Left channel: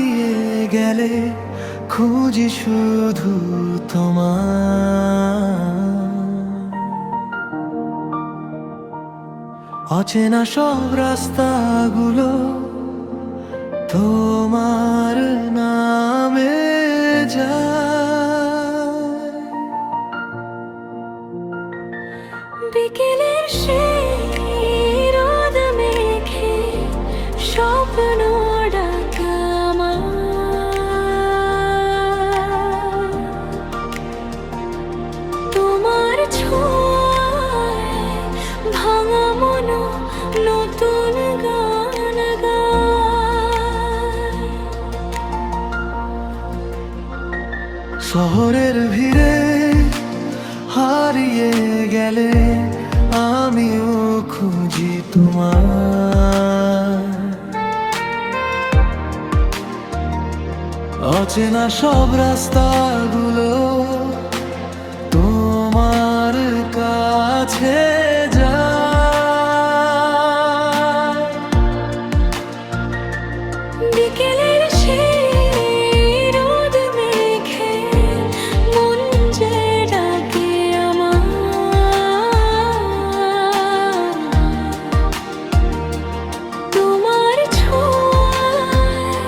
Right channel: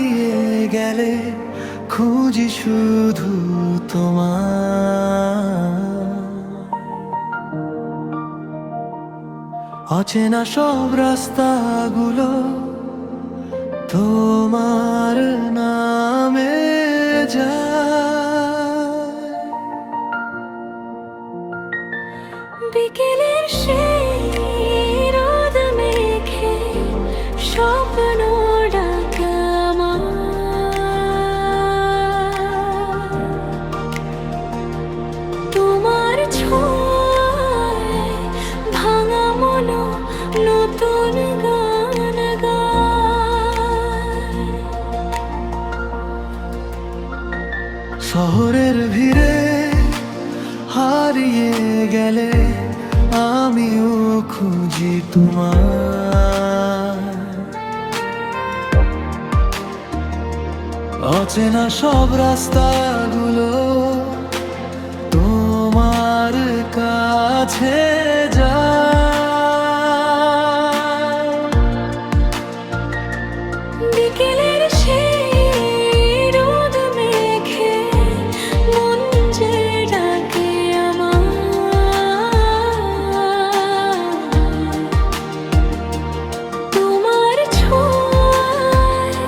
হারিয়ে গেলে খুঁজি শুধু তোমার। অচেনা সব রাস্তাগুলো তোমার নামে যায়। বিকেলের সেই রোদ মেখে স্বপ্ন ডাকা আমার, তোমার ছোঁয়ায় ভাঙা মনো নতুন গান গায়। শহরের ভিড়ে হারিয়ে গেলে আমিও খুঁজি তোমার। অচেনা সব রাস্তাগুলো তোমার কাছে যায়। বিকেলের সেই রোদ মেখে মন যে ডাকে আমার, তোমার ছোঁয়ায়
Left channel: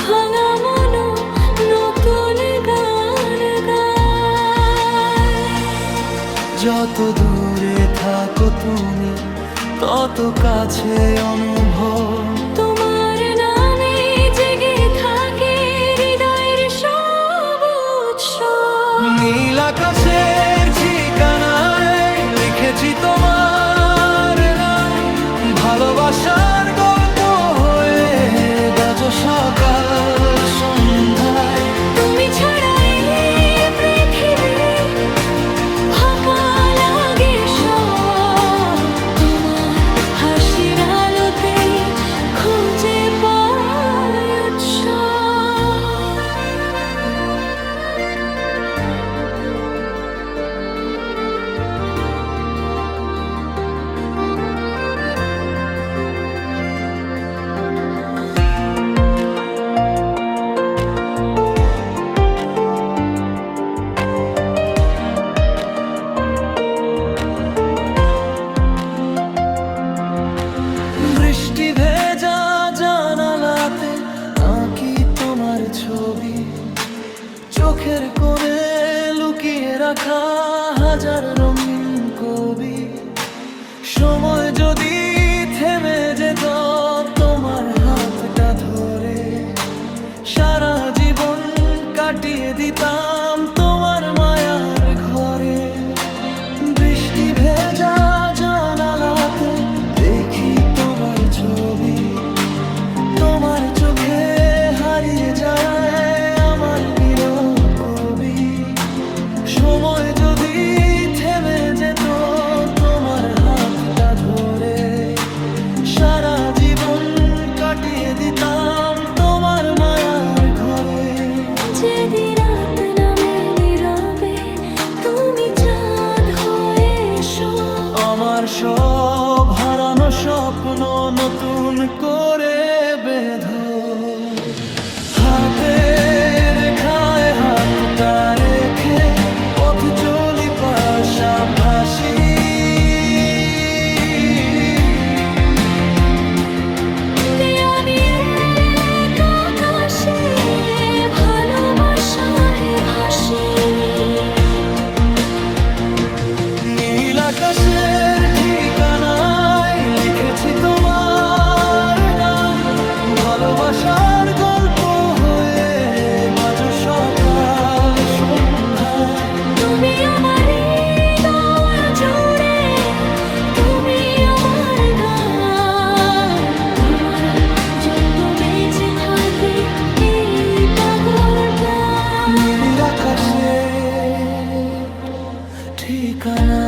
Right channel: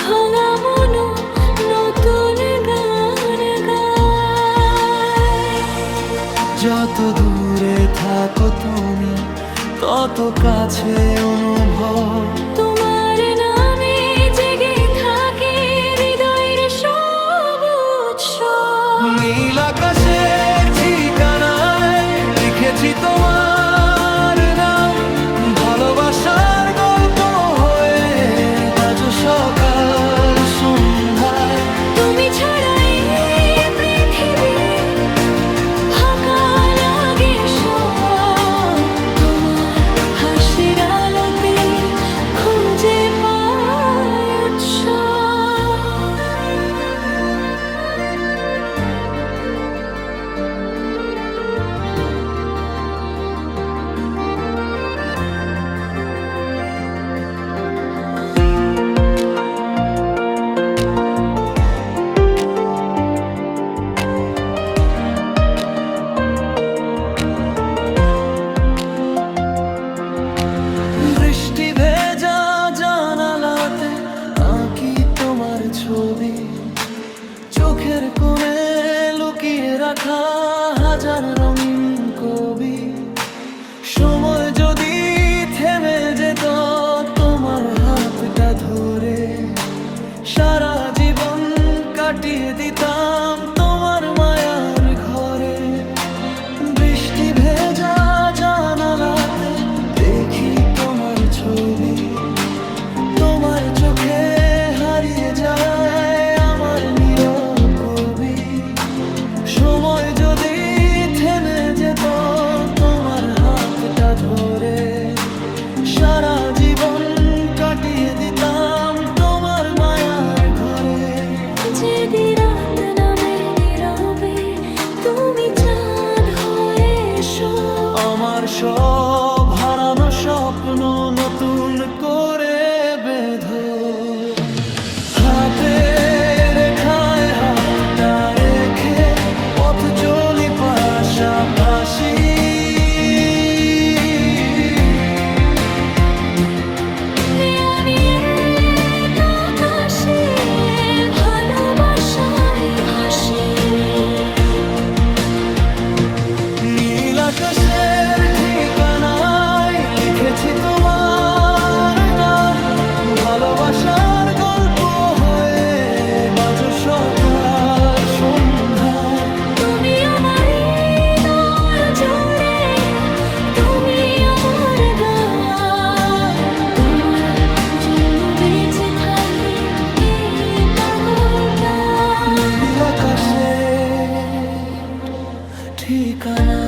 ভাঙা মনো নতুন গান গায়। যত দূরে থাকো তুমি তত কাছে অনুভব, তোমার নামে জেগে থাকে হৃদয়ের সব উৎসব। নীল আকাশের ঠিকানায় লিখেছি তোমার নাম, ভালোবাসার গল্প হয়ে বাজো সকাল সন্ধ্যায়। তুমি ছাড়া এই পৃথিবী ফাঁকা লাগে সব, তোমার হাসির আলোতেই খুঁজে পাই উৎসব। বৃষ্টি ভেজা জানালাতে আঁকি তোমার ছবি, চোখের কোণে লুকিয়ে রাখা হাজার রঙিন কবি। সময় যদি থেমে যেত তোমার হাতটা ধরে, সারা জীবন কাটিয়ে দিতাম তোমার মায়ার ঘরে। বৃষ্টি ভেজা জানালাতে দেখি তোমার ছবি, তোমার চোখে হারিয়ে যায় আমার নীরব কবি। সময় যদি থেমে যেত তোমার হাতটা ধরে, সারা জীবন কাটিয়ে দিতাম তোমার মায়ার ঘরে। যেদি রাত নামে নীরবে তুমি চাঁদ হয়ে এসো, আমার সব হারানো স্বপ্ন নতুন করে বেঁধো। হাতে রেখায় হাতটা রেখে পথ চলি পাশাপাশি। আমি এক আকাশে ভালোবাসায় ভাসি। নীল আকাশের ঠিকানায় লিখেছি তোমার নাম, ভালোবাসার গল্প হয়ে বাজো সকাল সন্ধ্যায়। তুমি আমার হৃদয় জুড়ে, তুমি আমার গান, তোমার জন্য বেঁচে থাকি এই পাগল প্রাণ। নীল আকাশের ঠিকানা।